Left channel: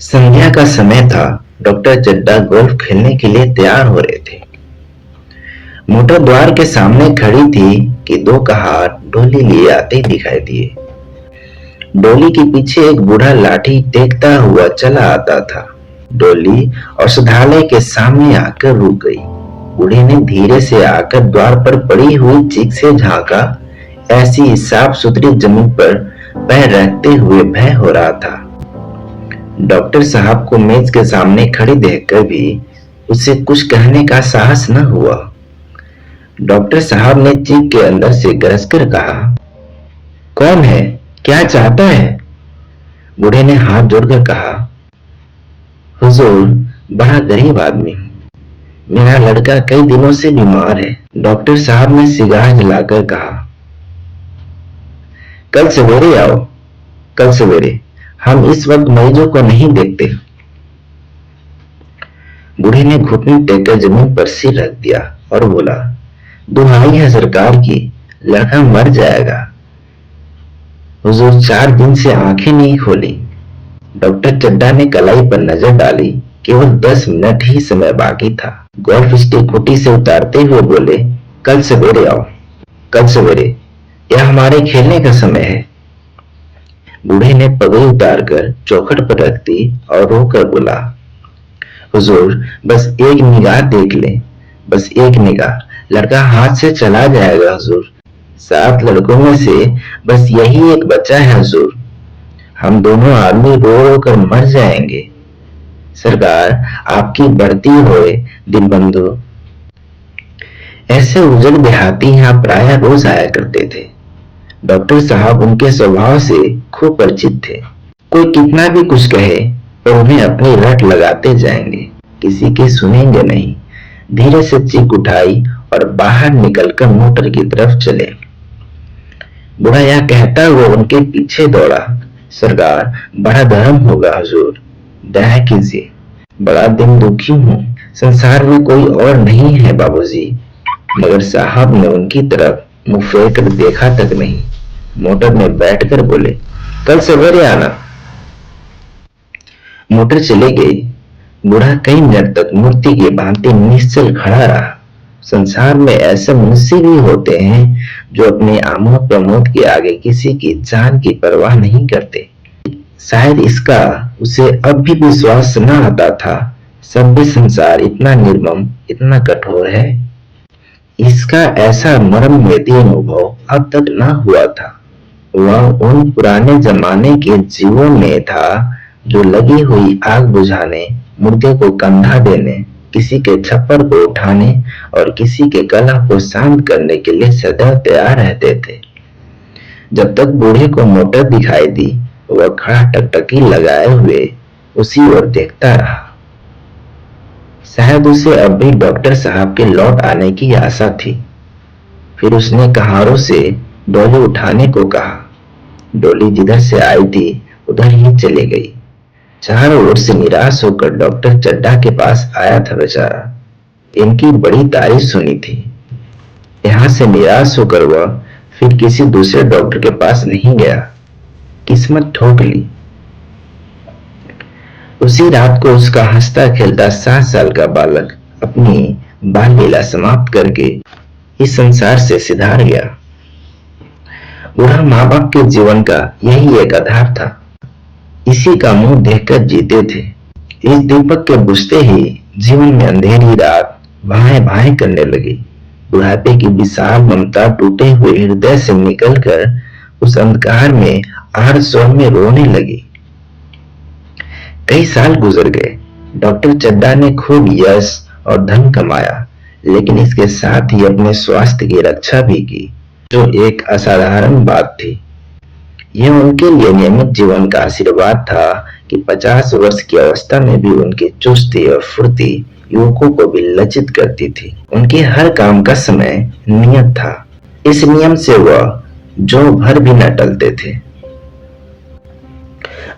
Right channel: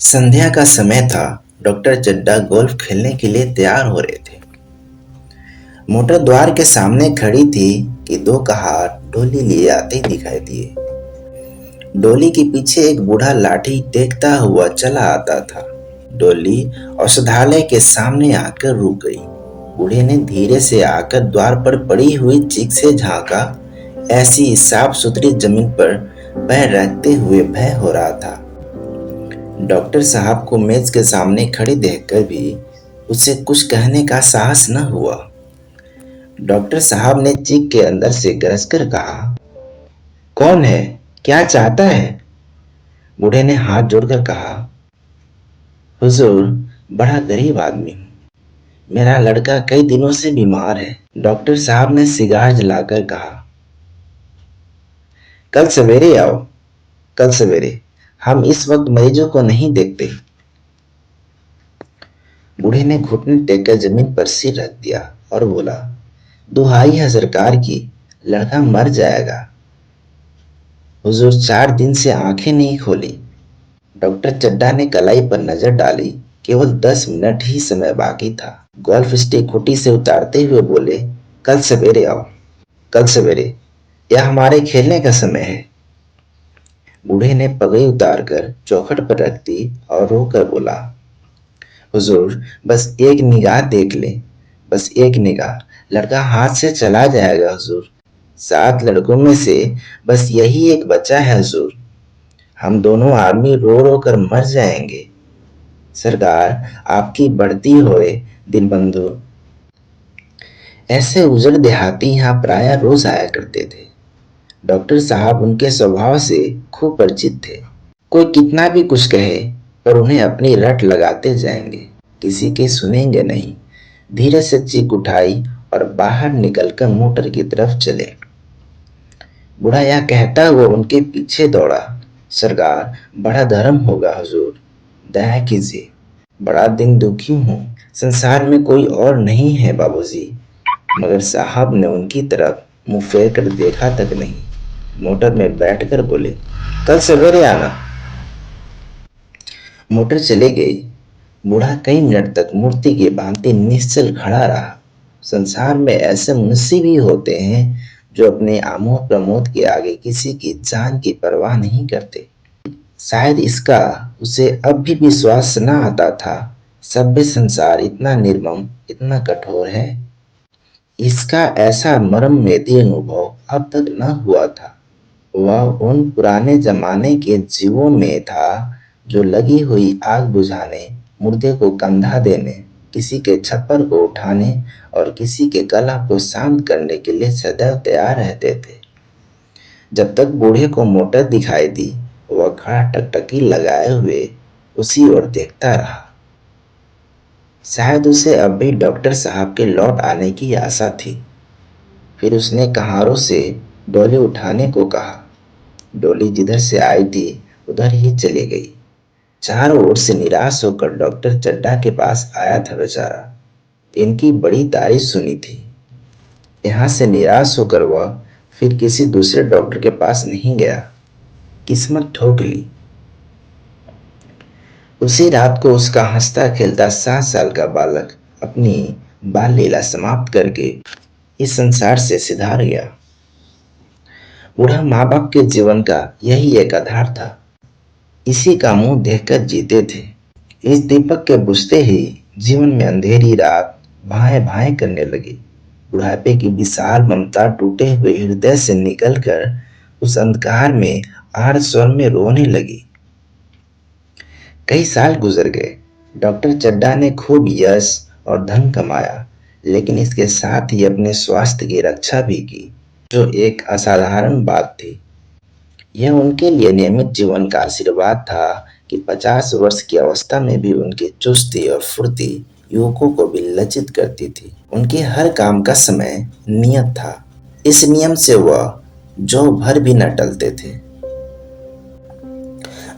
संध्या का समय था। डॉक्टर चड्ढा गोल्फ खेलने के लिए तैयार हो रहे थे। मोटर द्वार के सामने खड़ी थी कि दो कहार डोली लिए आते दिखाई दिए। डोली के पीछे एक बूढ़ा लाठी टेकता हुआ चला आता था। डोली औषधालय के सामने आकर रुक गई। बूढ़े ने धीरे से आकर द्वार पर पड़ी हुई चीख से झांका। ऐसी साफ सुथरी जमीन पर पैर रखते हुए भय हो रहा था। डॉक्टर साहब को मेज के सामने खड़ी देखकर भी उसे कुछ कहने का साहस न हुआ। डॉक्टर साहब ने चीख के अंदर से गरजकर कहा, कौन है? क्या चाहता है? बूढ़े ने हाथ जोड़कर कहा, हुजूर, बड़ा गरीब आदमी हूं। मेरा लड़का कई दिनों से बीमार है। डॉक्टर साहब ने सिगार जलाकर कहा, कल सवेरे आओ। कल सवेरे। हम इस वक्त मरीजों को नहीं देखते। बूढ़े ने घुटने टेककर जमीन पर सिर रख दिया और बोला, दुहाई है सरकार की, लड़का मर जाएगा। हुजूर 4 दिन से आंखें नहीं खोली। डॉक्टर चड्ढा ने कलाई पर नजर डाली। केवल 10 मिनट ही समय बाकी था। गोल्फ स्टिक खूंटी से उतारते हुए बोले, कल सवेरे आओ। कल सवेरे। यह हमारे खेलने का समय है। बूढ़े ने पगड़ी उतारकर चौखट पर रख दी और रोकर बोला, हुजूर, बस एक निगाह देख ले। बस एक निगाह। लड़का हाथ से चला जाएगा हुजूर। 7 लड़कों में से बस यही एक बच्चा है हुजूर। हम दोनों आदमी रो रो कर मर जाएंगे। सरकार, आपकी बढ़ती होए दिन बंधु। ऐसे उजड़ देहाती यहाँ प्राय रोज आया करते थे। डॉक्टर साहब उनके स्वभाव से खूब परिचित थे। कोई कितना भी कुछ कहे पर उन्हें अपनी रट लगाते जाएंगे, किसी की सुनेंगे नहीं। धीरे से चीख उठाई और बाहर निकलकर मोटर की तरफ चले। बूढ़ा यह कहता हुआ उनके पीछे दौड़ा, सरकार, बड़ा धर्म होगा हुजूर, दया कीजिए। बड़ा दिन दुखी हूँ। संसार में कोई और नहीं है बाबूजी। मगर साहब ने उनकी तरफ मुंह फेर कर देखा तक नहीं। मोटर में बैठकर बोले, कल सवेरे आना। मोटर चली गई। बूढ़ा कई मिनट तक मूर्ति की भांति निश्चल खड़ा रहा। संसार में ऐसे मनुष्य भी होते हैं जो अपने आमोद प्रमोद के आगे किसी की जान की परवाह नहीं करते। शायद इसका उसे अब भी विश्वास न आता था। सभ्य संसार इतना निर्मम, इतना कठोर है। इसका ऐसा मर्मवेदी अनुभव अब तक न हुआ था। वह उन पुराने जमाने के जीवों में था जो लगी हुई आग बुझाने, मुर्दे को कंधा देने, किसी के छप्पर को उठाने और किसी के गला को शांत करने के लिए सदा तैयार रहते थे। जब तक बूढ़े को मोटर दिखाई दी, वह खड़ा टकटकी लगाए हुए उसी ओर देखता रहा। शायद उसे अब भी डॉक्टर साहब के लौट आने की आशा थी। फिर उसने कहारों से डोली उठाने को कहा। डोली जिधर से आई थी उधर ही चली गई। चारों ओर से निराश होकर डॉक्टर चड्ढा के पास आया था बेचारा। इनकी बड़ी तारीफ सुनी थी। यहाँ से निराश होकर वह फिर किसी दूसरे डॉक्टर के पास नहीं गया। किस्मत ठोक ली। उसी रात को उसका हंसता खेलता 7 साल का बालक अपनी बाल लीला समाप्त करके इस संसार से सिधार गया। बूढ़ा माँ बाप के जीवन का यही एक आधार था। इसी का मुंह देखकर जीते थे। इस दीपक के बुझते ही जीवन में अंधेरी रात भाए भाए करने लगी। बुढ़ापे की विशाल ममता टूटे हुए हृदय से निकलकर उस अंधकार में आड़ स्वर में रोने लगी। कई साल गुजर गए। डॉक्टर चड्ढा ने खूब यश और धन कमाया, लेकिन इसके साथ ही अपने स्वास्थ्य की रक्षा भी की, जो एक असाधारण बात थी। यह उनके लिए नियमित जीवन का आशीर्वाद था कि 50 वर्ष की अवस्था में भी उनकी चुस्ती और फुर्ती युवकों को भी लज्जित करती थी। उनके हर काम का समय नियत था। इस नियम से वह जो भर भी न टलते थे।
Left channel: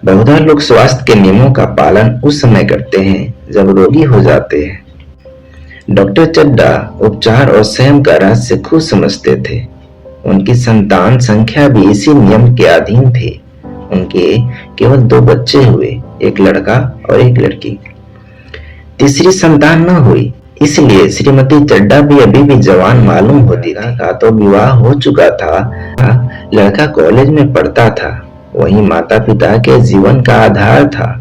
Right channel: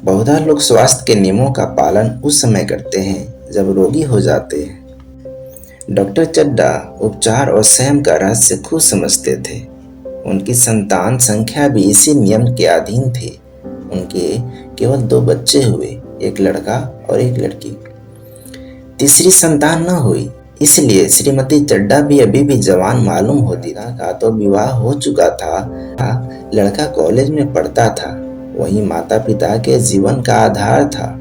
बहुधा लोग स्वास्थ्य के नियमों का पालन उस समय करते हैं जब रोगी हो जाते हैं। डॉक्टर चड्ढा उपचार और संयम का रहस्य खूब समझते थे। उनकी संतान संख्या भी इसी नियम के अधीन थी। उनके केवल 2 बच्चे हुए। एक लड़का और एक लड़की। तीसरी संतान न हुई, इसलिए श्रीमती चड्ढा भी अभी भी जवान मालूम होती थी। का तो विवाह हो चुका था, लड़का कॉलेज में पढ़ता था, वही माता पिता के जीवन का आधार था।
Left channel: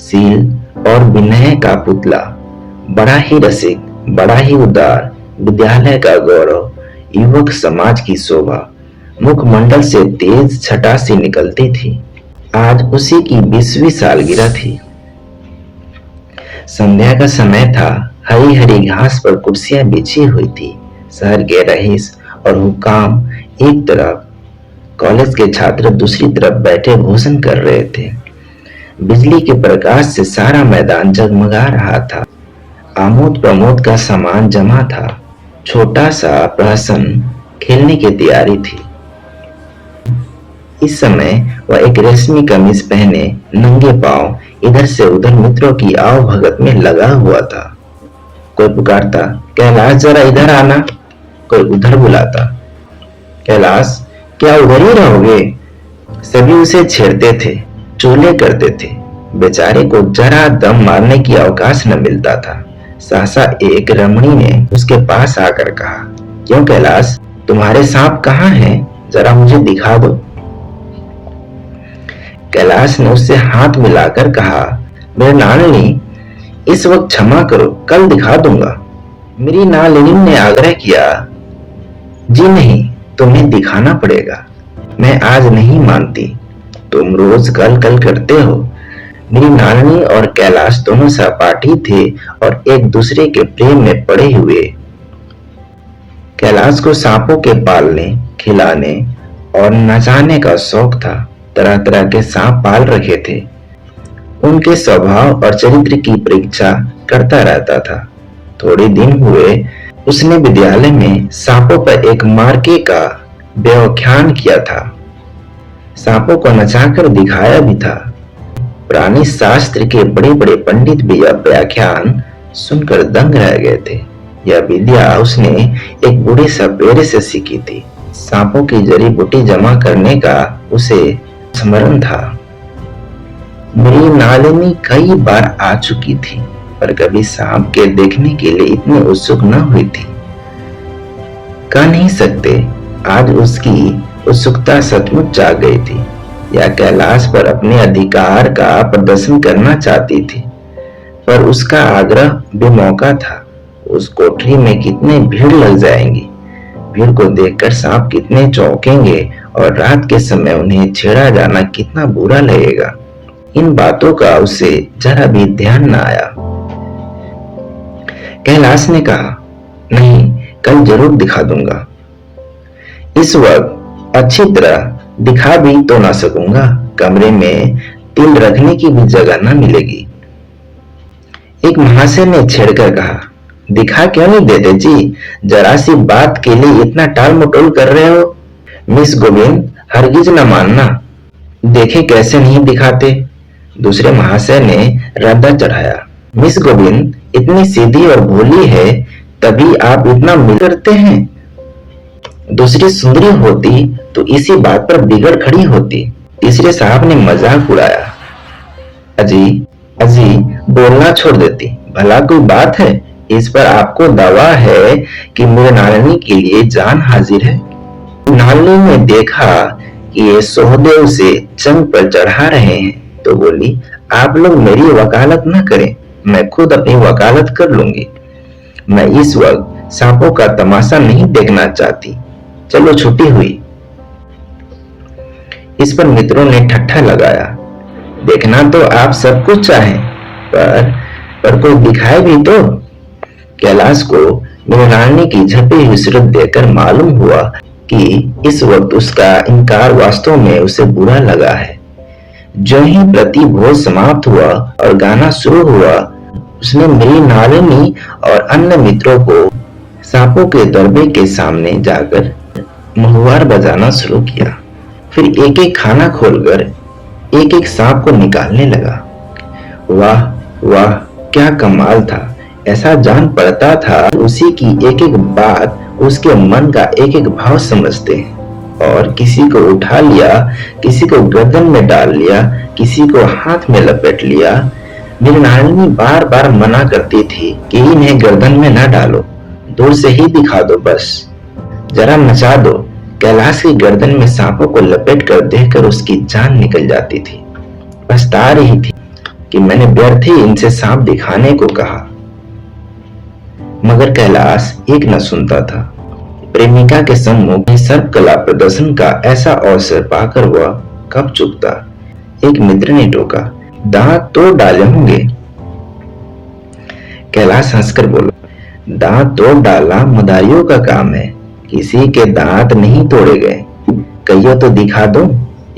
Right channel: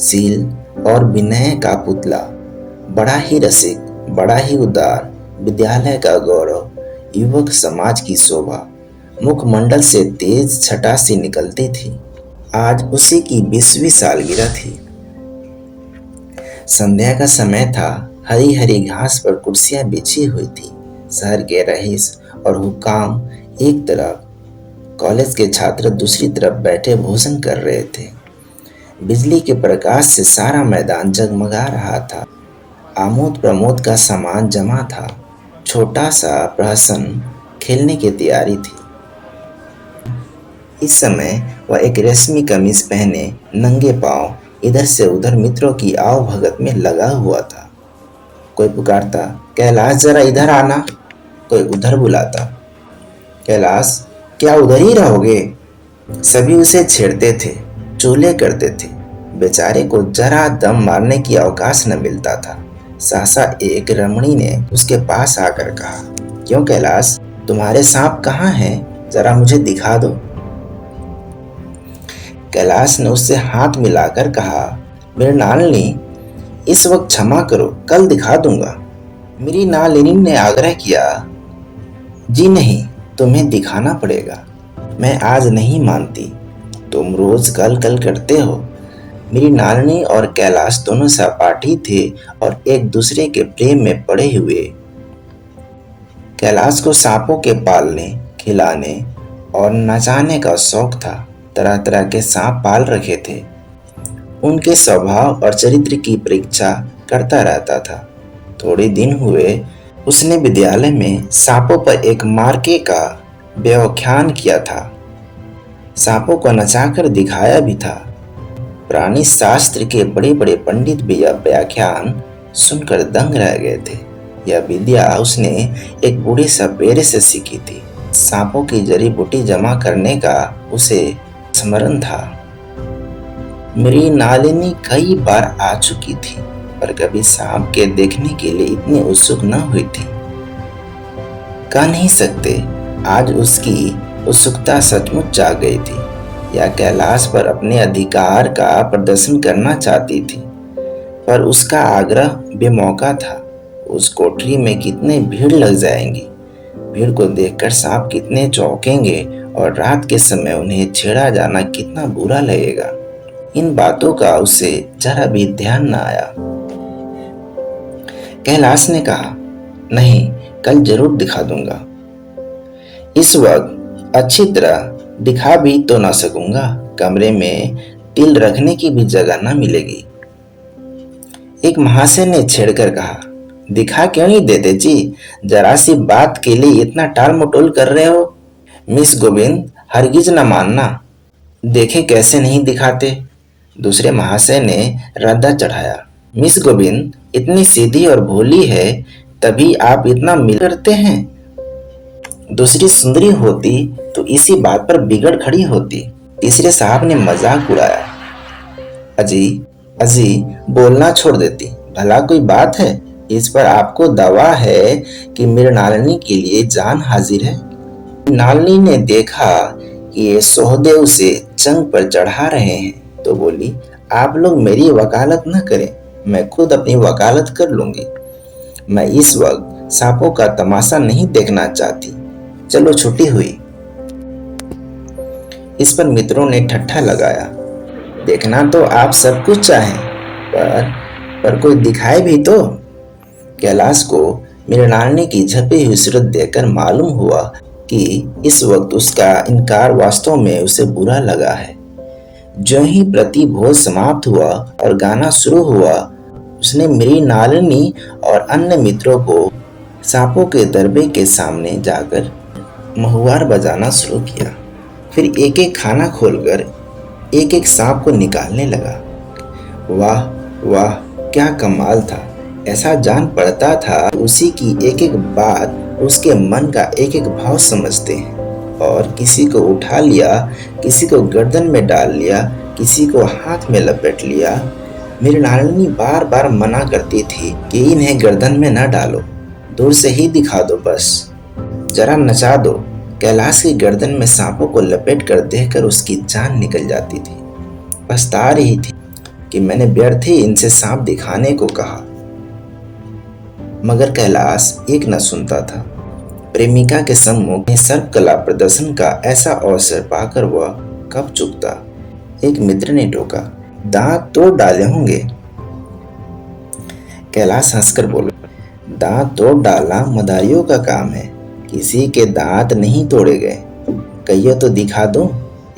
शील और विनय का पुतला, बड़ा ही रसिक, बड़ा ही उदार, विद्यालय का गौरव, युवक समाज की शोभा, मुखमंडल से तेज छटा सी निकलती थी। आज उसी की 20वीं सालगिरह थी। संध्या का समय था। हरी हरी घास पर कुर्सियां बिछी हुई थी। शहर के रईस और हुक्काम एक तरफ, कॉलेज के छात्र दूसरी तरफ बैठे भोजन कर रहे थे। बिजली के प्रकाश से सारा मैदान जगमगा रहा था। आमोद प्रमोद का सामान जमा था। छोटा सा प्रहसन खेलने की तैयारी थी। इस समय वह एक रेशमी कमीज पहने नंगे पांव इधर से उधर मित्रों की आव भगत में लगा हुआ था। कोई पुकारता, कैलाश जरा इधर आना। कोई उधर बुलाता, कैलाश क्या उधर ही रहोगे। सभी उसे छेड़ते थे, चोले करते थे। बेचारे को जरा दम मारने की अवकाश न मिलता था। सहसा एक रमणी ने उसके पास आकर कहा, क्यों कैलाश, तुम्हारे सांप कहाँ हैं? जरा मुझे दिखा दो। कैलाश ने उससे हाथ मिलाकर कहा, मेरे नालनी, इस वक्त क्षमा करो, कल दिखा दूंगा। मेरी नालनी ने आग्रह किया, जी नहीं, तुम्हें दिखाना पड़ेगा। मैं आज नहीं मानती, तुम रोज कल कल करते हो। मेरी नालनी और कैलाश दोनों सहपाठी थे और एक दूसरे के प्रेम में पड़े हुए। कैलाश को सांपों के पालने, खिलाने और नचाने का शौक था। तरह तरह के सांप पाल रखे थे। उनके स्वभाव और चरित्र की परीक्षा करता रहता था। थोड़े दिन हुए उसने विद्यालय में सांपों पर एक मार्के का व्याख्यान किया था। सांपों को नचाकर दिखाया भी था। प्राणी शास्त्र के बड़े बड़े पंडित भी यह व्याख्यान सुनकर दंग रह गए थे। यह विद्या उसने एक बूढ़े सपेरे से सीखी थी। सांपों की जड़ी बूटी जमा करने का उसे स्मरण था। मेरी नालिनी कई बार आ चुकी थी, पर कभी सांप के देखने के लिए इतनी उत्सुक न हुई थी। कह नहीं सकते आज उसकी उत्सुकता सचमुच जाग गई थी या कैलाश पर अपने अधिकार का प्रदर्शन करना चाहती थी, पर उसका आग्रह बेमौका था। उस कोठरी में कितने भीड़ लग जाएंगी। भीड़ को देखकर सांप कितने चौंकेंगे और रात के समय उन्हें छेड़ा जाना कितना बुरा लगेगा। इन बातों का उसे जरा भी ध्यान न आया। कैलाश ने कहा, नहीं, कल जरूर दिखा दूंगा। इस वक्त अच्छी तरह दिखा भी तो ना सकूंगा, कमरे में तिल रखने की भी जगह न मिलेगी। एक महाशय ने छेड़कर कहा, दिखा क्यों नहीं देते जी, जरा सी बात के लिए इतना टाल मटोल कर रहे हो। मिस गोविंद, हरगिज न मानना, देखे कैसे नहीं दिखाते। दूसरे महाशय ने रद्दा चढ़ाया, मिस गोविंद इतनी सीधी और भोली है, तभी आप इतना मिल करते हैं। दूसरी सुंदरी होती तो इसी बात पर बिगड़ खड़ी होती। तीसरे साहब ने मजाक उड़ाया, अजी अजी बोलना छोड़ देती, भला कोई बात है। इस पर आपको दावा है कि मेरे नालनी के लिए जान हाजिर है। नालनी ने देखा कि ये सोहदेव से चंग पर चढ़ा रहे हैं तो बोली, आप लोग मेरी वकालत न करें, मैं खुद अपनी वकालत कर लूंगी। मैं इस वक्त सांपों का तमाशा नहीं देखना चाहती। चलो छुट्टी हुई। इस पर मित्रों ने ठट्ठा लगाया, देखना तो आप सब कुछ चाहें, पर कोई दिखाए भी तो। कैलाश को मृणालिनी की झपी हुई सूरत देखकर मालूम हुआ कि इस वक्त उसका इनकार वास्तव में उसे बुरा लगा है। जो ही प्रतिभोज समाप्त हुआ और गाना शुरू हुआ, उसने मृणालिनी और अन्य मित्रों को सांपों के दरबे के सामने जाकर महुआर बजाना शुरू किया। फिर एक एक खाना खोलकर एक एक सांप को निकालने लगा। वाह वाह, क्या कमाल था। ऐसा जान पड़ता था उसी की एक एक बात उसके मन का एक एक भाव समझते हैं। और किसी को उठा लिया, किसी को गर्दन में डाल लिया, किसी को हाथ में लपेट लिया। मेरी नानी बार बार मना करती थी कि इन्हें गर्दन में न डालो, दूर से ही दिखा दो, बस जरा नचा दो। कैलाश की गर्दन में सांपों को लपेट कर देखकर उसकी जान निकल जाती थी। पछता रही थी कि मैंने व्यर्थ ही इनसे सांप दिखाने को कहा, मगर कैलाश एक न सुनता था। प्रेमिका के सम्मुख सर्प कला प्रदर्शन का ऐसा अवसर पाकर वह कब चुकता। एक मित्र ने टोका, दांत तोड़ डाले होंगे। कैलाश हंसकर बोला, दांत तोड़ डालना मदारियों का काम है, किसी के दांत नहीं तोड़े गए, कहियो तो दिखा दूं।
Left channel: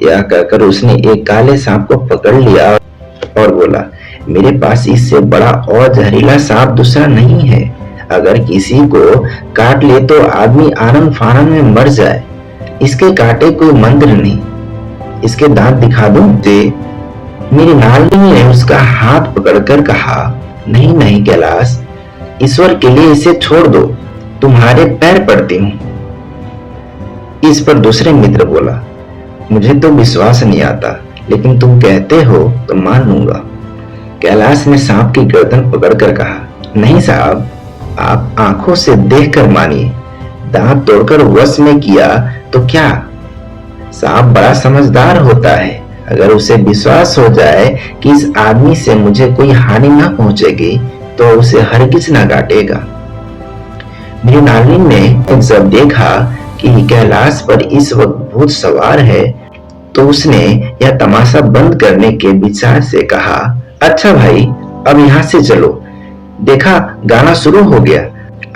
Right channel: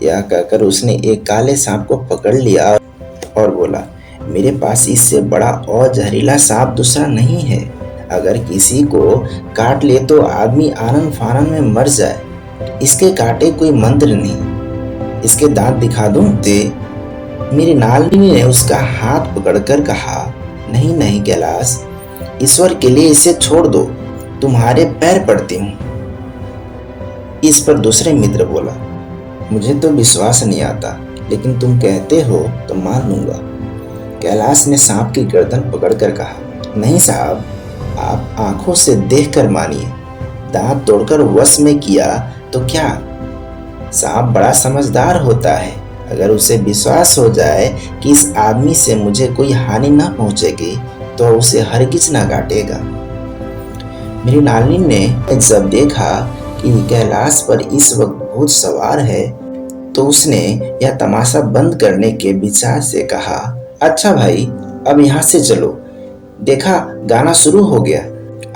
यह कहकर उसने एक काले सांप को पकड़ लिया और बोला, मेरे पास इससे बड़ा और जहरीला सांप दूसरा नहीं है। अगर किसी को काट ले तो आदमी आनन फानन में मर जाए, इसके काटे कोई मंत्र नहीं। इसके दांत दिखा दूं दे। मेरी नानी ने उसका हाथ पकड़कर कहा, नहीं नहीं कैलाश, ईश्वर के लिए इसे छोड़ दो, तुम्हारे पैर पड़ती हूं। इस पर दूसरे मित्र बोला, मुझे तो विश्वास नहीं आता, लेकिन तुम कहते हो तो मान लूंगा। कैलाश ने सांप की गर्दन पकड़कर कहा, नहीं साहब, आप आंखों से देखकर मानिए, दांत तोड़कर वश में किया तो क्या। सांप बड़ा समझदार होता है, अगर उसे विश्वास हो जाए कि इस आदमी से मुझे कोई हानि ना पहुंचेगी तो उसे हरगिज ना काटेगा। मेरी नानी ने जब देखा कि कैलाश पर इस वक्त भूत सवार है तो उसने यह तमाशा बंद करने के विचार से कहा, अच्छा भाई, अब यहाँ से चलो, देखा गाना शुरू हो गया,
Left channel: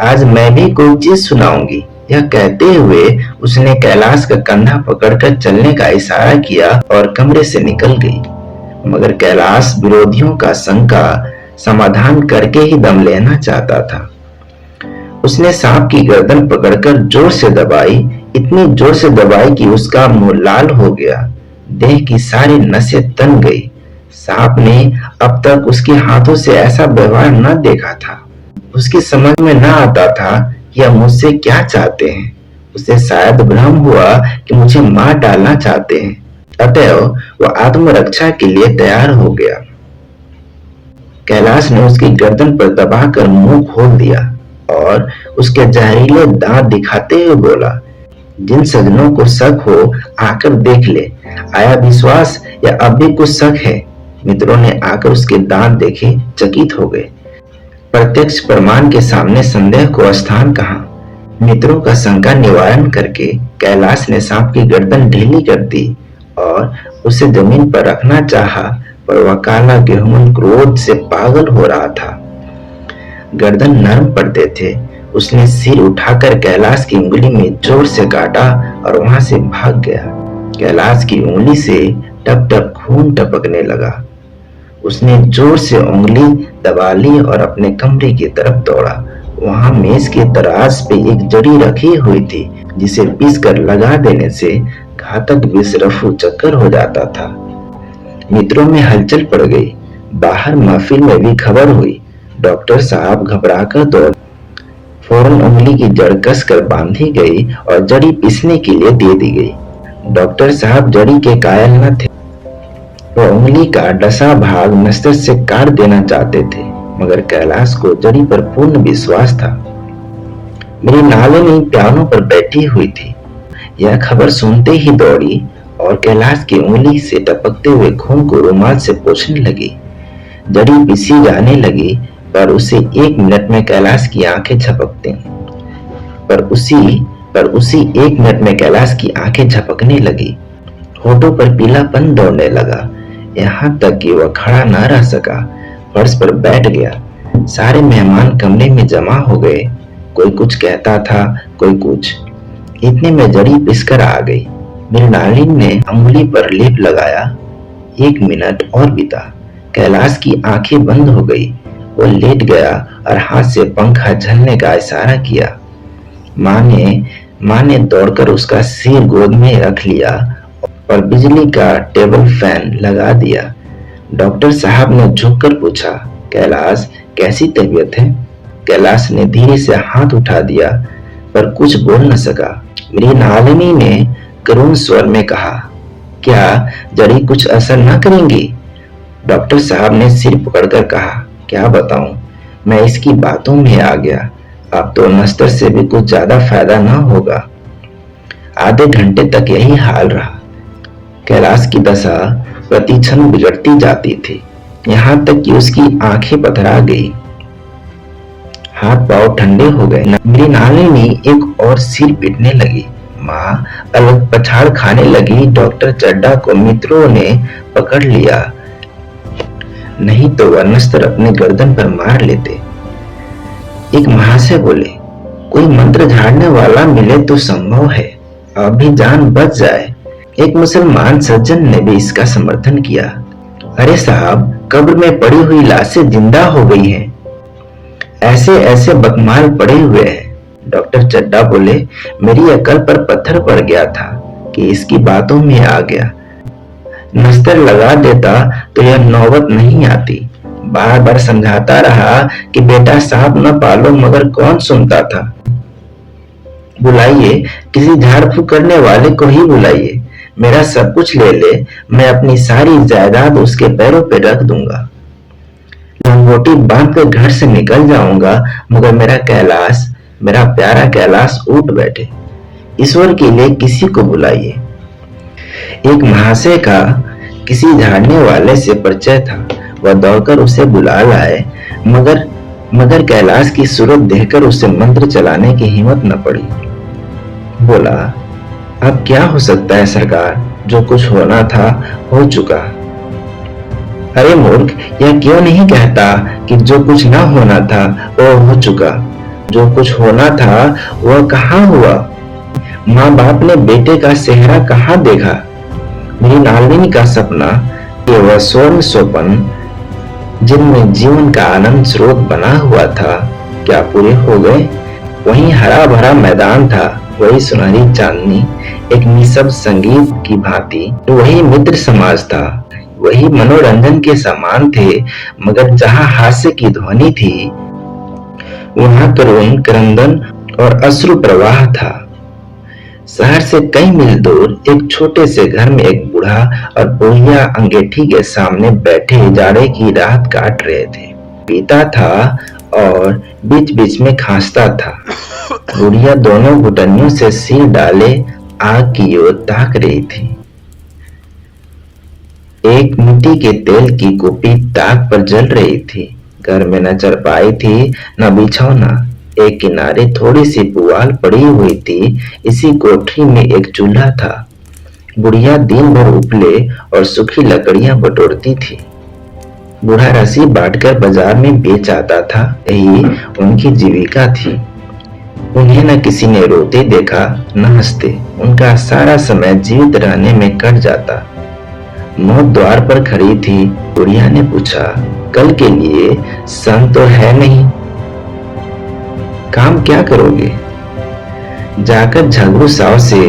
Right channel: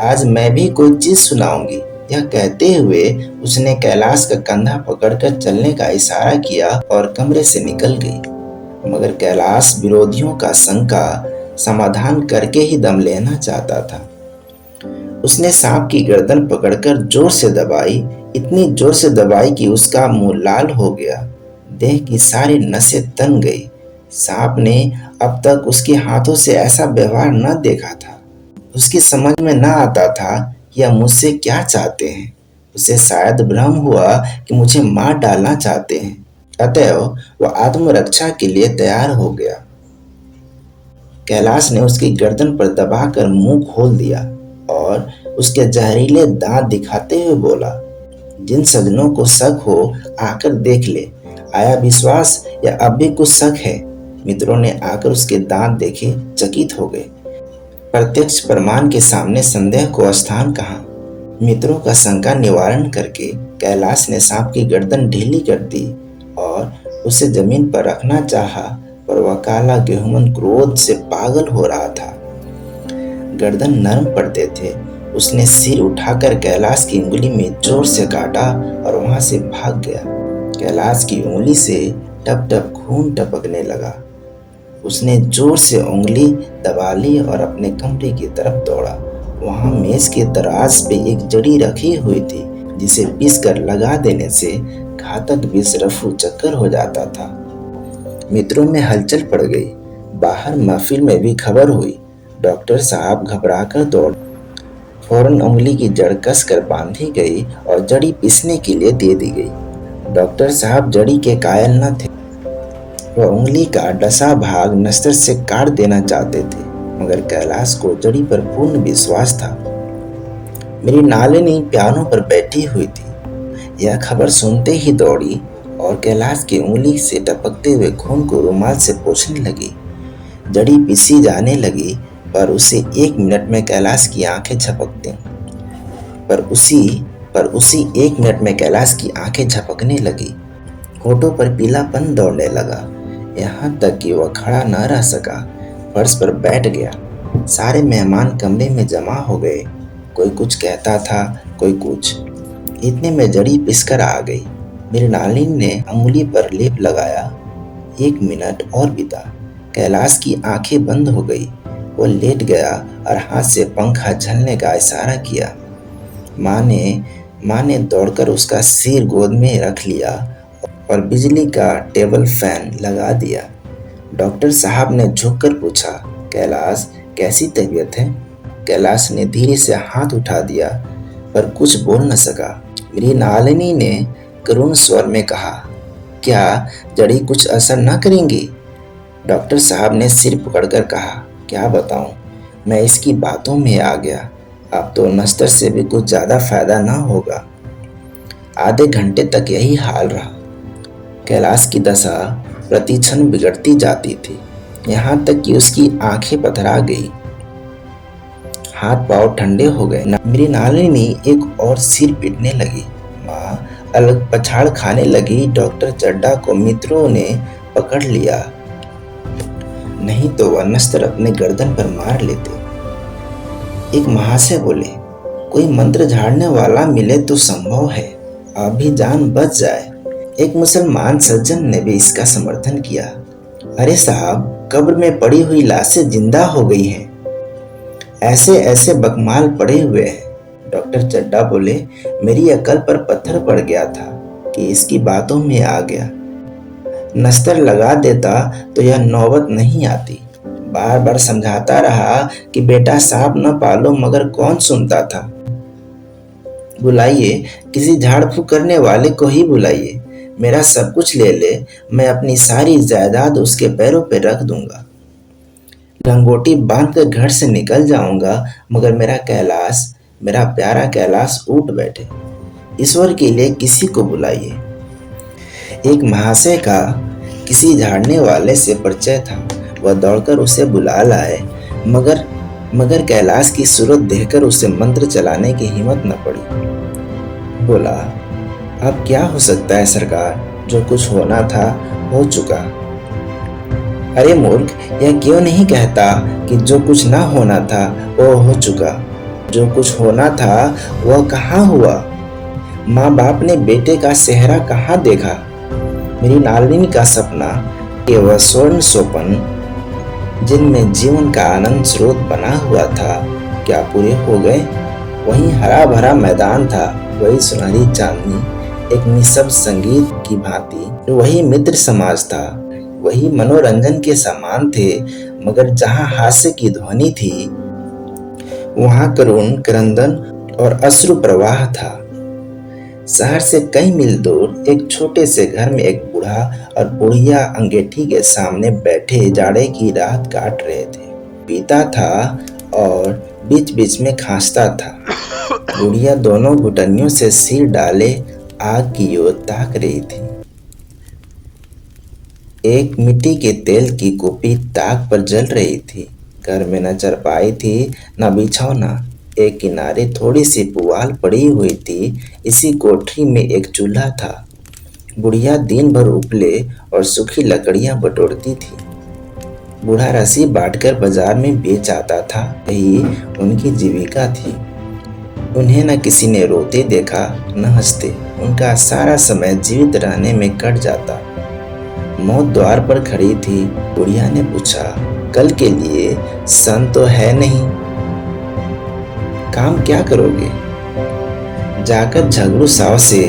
आज मैं भी कोई चीज सुनाऊंगी। यह कहते हुए उसने कैलाश का कंधा पकड़कर चलने का इशारा किया और कमरे से निकल गई। मगर कैलाश विरोधियों का शंका समाधान करके ही दम लेना चाहता था। उसने सांप की गर्दन पकड़कर जोर से दबाई, इतनी जोर से दबाई कि उसका मुंह लाल हो गया, देह की सारी नसें तन गई। सांप ने अब तक उसके हाथों से ऐसा व्यवहार न देखा था। उसकी समझ में न आता था कि यह मुझसे क्या चाहते हैं। उसे शायद भ्रम हुआ कि मुझे मार डालना चाहते हैं, अतएव वह आत्मरक्षा के लिए तैयार हो गया। कैलाश ने उसकी गर्दन पर दबाकर मुंह खोल दिया और उसके जहरीले दांत दिखाते हुए बोला, जिन सज्जनों को शक हो आकर देख ले, आया विश्वास या अब भी कुछ शक है। मित्रों ने आकर उसके दांत देखे, चकित हो गए। प्रत्यक्ष प्रमाण के सामने संदेह को स्थान कहाँ। मित्रों का शंका निवारण करके कैलाश ने सांप की गर्दन ढीली कर दी और उसे जमीन पर रखना चाहा, पर वह काला गेहूं क्रोध से पागल हो रहा था। गर्दन नरम पड़ते थे। उसने सिर उठाकर कैलाश की उंगली में जोर से काटा और वहां से भाग गया। कैलाश की उंगली से टप टप खून टपकने लगा। उसने जोर से उंगली दबा ली और अपने कमरे की तरफ दौड़ा। वहां मेज के दराज पे एक जड़ी रखी हुई थी, जिसे पीस कर लगा देने से घातक विष रफू चक्कर हो जाता था। मित्रों में हलचल पड़ गई। बाहर महफिल में भी खबर हुई। डॉक्टर साहब घबराकर दौड़। फौरन उंगली की जड़ कसकर बांधी गई और जड़ी पीसने के लिए दे दी गई। डॉक्टर साहब जड़ी के कायल न थे। वह उंगली का डसा भाग नस्तर से काट देना चाहते थे, मगर कैलाश को जड़ी पर पूर्ण विश्वास था। मेरी नालिनी पियानो पर बैठी हुई थी। यह खबर सुनते ही दौड़ी और कैलाश की उंगली से टपकते हुए खून को रुमाल से पोंछने लगी। जड़ी पीसी जाने लगी, पर उसे 1 मिनट में कैलाश की आंखें झपकती। पर उसी 1 मिनट में कैलाश की आंखें झपकने लगी। होठों पर पीलापन दौड़ने लगा, यहाँ तक कि वह खड़ा न रह सका, फर्श पर बैठ गया। सारे मेहमान कमरे में जमा हो गए। कोई कुछ कहता था, कोई कुछ। इतने में जड़ी पिसकर आ गई। मेरी नालिन ने अंगुली पर लेप लगाया। 1 मिनट और बीता। कैलाश की आंखें बंद हो गई। वो लेट गया और हाथ से पंखा झलने का इशारा किया। माँ ने दौड़कर उसका सिर गोद में रख लिया और बिजली का टेबल फैन लगा दिया। डॉक्टर साहब ने झुककर पूछा, कैलाश कैसी तबीयत है? कैलाश ने धीरे से हाथ उठा दिया, पर कुछ बोल न सका। मेरी नालिनी ने करुण स्वर में कहा, क्या जड़ी कुछ असर न करेंगी? डॉक्टर साहब ने सिर पकड़कर कहा, क्या बताऊं, मैं इसकी बातों में आ गया। अब तो नस्तर से भी कुछ ज्यादा फायदा न होगा। आधे घंटे तक यही हाल रहा। कैलाश की दशा प्रतिक्षण बिगड़ती जाती थी, यहाँ तक कि उसकी आंखें पथरा गई, हाथ पांव ठंडे हो गए। मेरी नानी एक और सिर पीटने लगी। माँ अलग पछाड़ खाने लगी। डॉक्टर चड्ढा को मित्रों ने पकड़ लिया, नहीं तो वह नस्तर अपने गर्दन पर मार लेते। एक महाशय बोले, कोई मंत्र झाड़ने वाला मिले तो संभव है, अभी जान बच जाए। एक मुसलमान सज्जन ने भी इसका समर्थन किया। अरे साहब, कब्र में पड़ी हुई लाशें जिंदा हो गई हैं, ऐसे ऐसे बकमाल पड़े हुए हैं। डॉक्टर चड्ढा बोले, मेरी अकल पर पत्थर पड़ गया था कि इसकी बातों में आ गया। नस्तर लगा देता तो यह नौबत नहीं आती। बार बार समझाता रहा कि बेटा सांप न पालो, मगर कौन सुनता था। बुलाइए, किसी झाड़ फूक करने वाले को ही बुलाइए, मेरा सब कुछ ले ले, मैं अपनी सारी जायदाद उसके पैरों पे रख दूंगा। लंगोटी बांध कर घर से निकल जाऊंगा, मगर मेरा प्यारा कैलाश उठ बैठे। ईश्वर के लिए किसी को बुलाइए। एक महाशय का किसी झाड़ने वाले से परिचय था, वह दौड़कर उसे बुला लाए, मगर कैलाश की सूरत देखकर उसे मंत्र चलाने की हिम्मत न पड़ी। बोला, अब क्या हो सकता है सरकार, जो कुछ होना था हो चुका। अरे मूर्ख, यह क्यों नहीं कहता कि जो कुछ न होना था वो हो चुका? जो कुछ होना था वह कहाँ हुआ? माँ बाप ने बेटे का सेहरा कहाँ देखा? मेरी नालिनी का सपना, ये वह स्वर्ण सोपन जिनमें जीवन का आनंद स्रोत बना हुआ था, क्या पूरे हो गए? वही हरा भरा मैदान था, वही सुनहरी चांदनी एक निशब्द संगीत की भांति, वही मित्र समाज था, वही मनोरंजन के समान थे, मगर जहां हास्य की ध्वनि थी वहां करुण क्रंदन और अश्रु प्रवाह था। शहर से कई मील दूर एक छोटे से घर में एक बूढ़ा और बुढ़िया अंगीठी के सामने बैठे जाड़े की रात काट रहे थे। पीता था और बीच बीच में खांसता था। बुढ़िया दोनों घुटनियों से सिर डाले आग की ओर ताक रही थी। एक मिट्टी के तेल की कुपी ताक पर जल रही थी। घर में न चारपाई थी न बिछौना, एक किनारे थोड़ी सी पुआल पड़ी हुई थी। इसी कोठरी में एक चूल्हा था। बुढ़िया दिन भर उपले और सूखी लकड़ियां बटोरती थी। बूढ़ा रस्सी बांटकर बाजार में बेच आता था, यही उनकी जीविका थी। उन्हें न किसी ने रोते देखा न हंसते, उनका सारा समय जीवित रहने में कट जाता। मौत द्वार पर खड़ी थी। बुढ़िया ने पूछा, कल के लिए सन तो है नहीं, काम क्या करोगे? जाकर झगड़ू साव से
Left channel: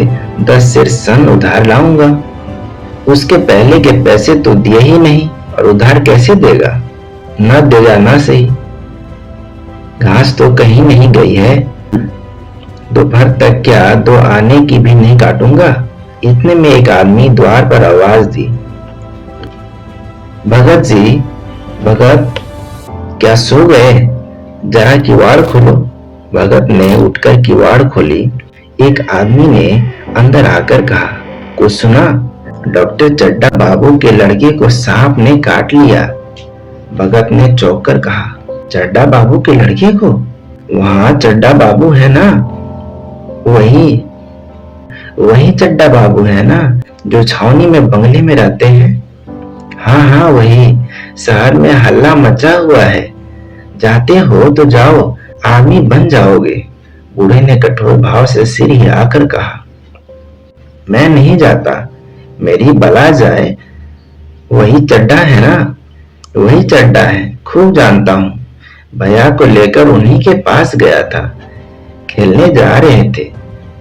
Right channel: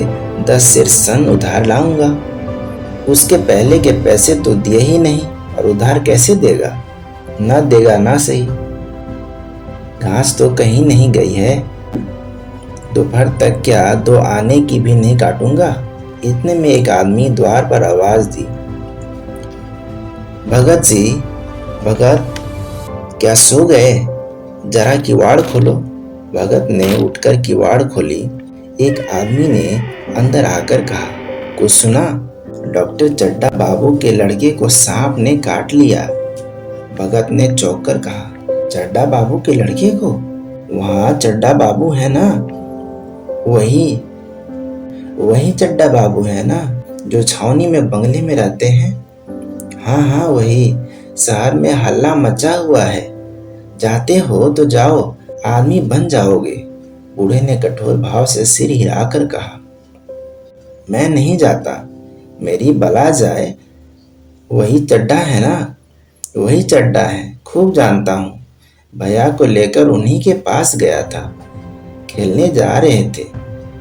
10 सेर सन उधार लाऊंगा। उसके पहले के पैसे तो दिए ही नहीं, और उधार कैसे देगा? ना देगा ना सही। घास तो कहीं नहीं गई है। दोपहर तक क्या 2 आने की भी नहीं काटूंगा। इतने में एक आदमी द्वार पर आवाज दी, भगत जी, भगत, क्या सो गए? जरा किवाड़ खोलो। भगत ने उठकर किवाड़ खोली। एक आदमी ने अंदर आकर कहा, कुछ सुना? डॉक्टर चड्ढा बाबू के लड़के को सांप ने काट लिया। भगत ने चौंक कर कहा, चड्ढा बाबू के लड़के को? वहां चड्ढा बाबू है ना? वही चड्ढा बाबू है ना, जो छावनी में बंगले में रहते हैं? हाँ, वही। शहर में हल्ला मचा हुआ है, जाते हो तो जाओ, आदमी बन जाओगे। बूढ़े ने कठोर भाव से सिर हिलाकर कहा, मैं नहीं जाता, मेरी बला जाए। वही चड्ढा है ना? वही चड्ढा है, खूब जानता हूँ। भैया को लेकर उन्हीं के पास गया था। खेलने जा रहे थे,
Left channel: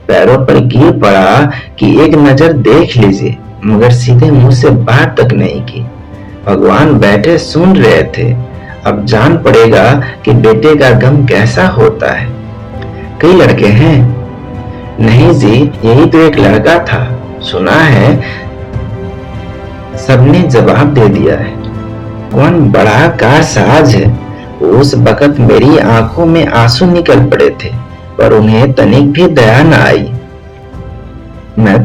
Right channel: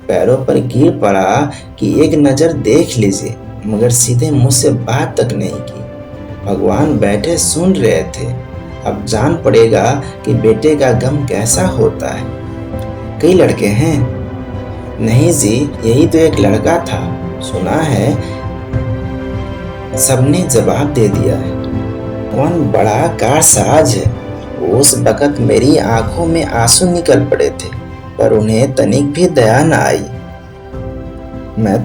पैरों पर गिर पड़ा कि एक नजर देख लीजिए, मगर सीधे मुंह से बात तक नहीं की। भगवान बैठे सुन रहे थे। अब जान पड़ेगा कि बेटे का गम कैसा होता है। कई लड़के हैं? नहीं जी, यही तो एक लड़का था। सुना है, सबने जवाब दे दिया है। कौन बड़ा का साज है। उस वक्त मेरी आंखों में आंसू निकल पड़े थे, पर उन्हें तनिक भी दया न आई। मैं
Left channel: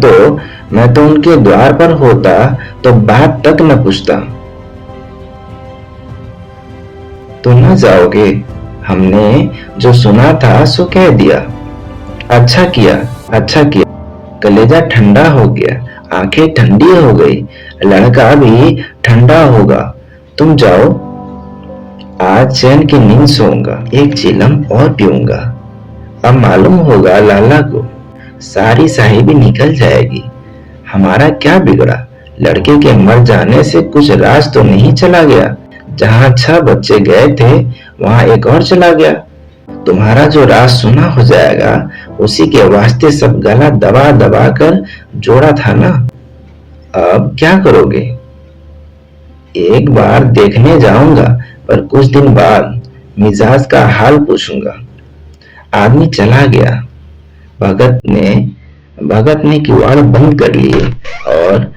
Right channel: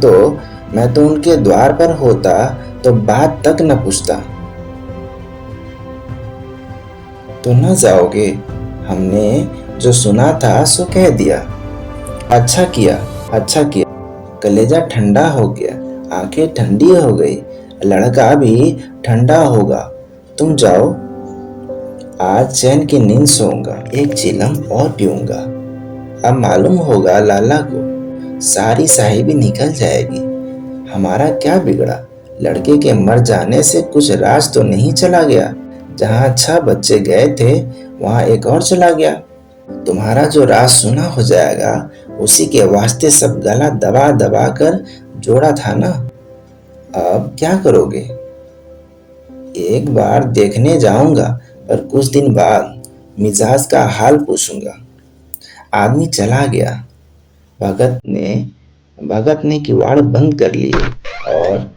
तो उनके द्वार पर होता तो बात तक न पूछता। तो न जाओगे? हमने जो सुना था सो कह दिया। अच्छा किया, अच्छा किया। कलेजा ठंडा हो गया, आंखें ठंडी हो गई, लड़का भी ठंडा होगा। तुम जाओ, आज चैन की नींद सोऊंगा, एक चिलम और पीऊंगा। अब मालूम होगा लाला को, सारी साहिबी निकल जाएगी। हमारा क्या बिगड़ा? लड़के के मर जाने से कुछ राज तो नहीं चला गया। जहां 6 बच्चे गए थे वहां एक और चला गया। तुम्हारा जो राज सुना हो जाएगा, उसी के वास्ते सब गला दबा दबा कर जोड़ा था ना। अब क्या करोगे? एक बार देखने जाऊंगा, पर कुछ दिन बाद मिजाज का हाल पूछूंगा। आदमी चला गया। भगत ने किवाड़ बंद कर लिए और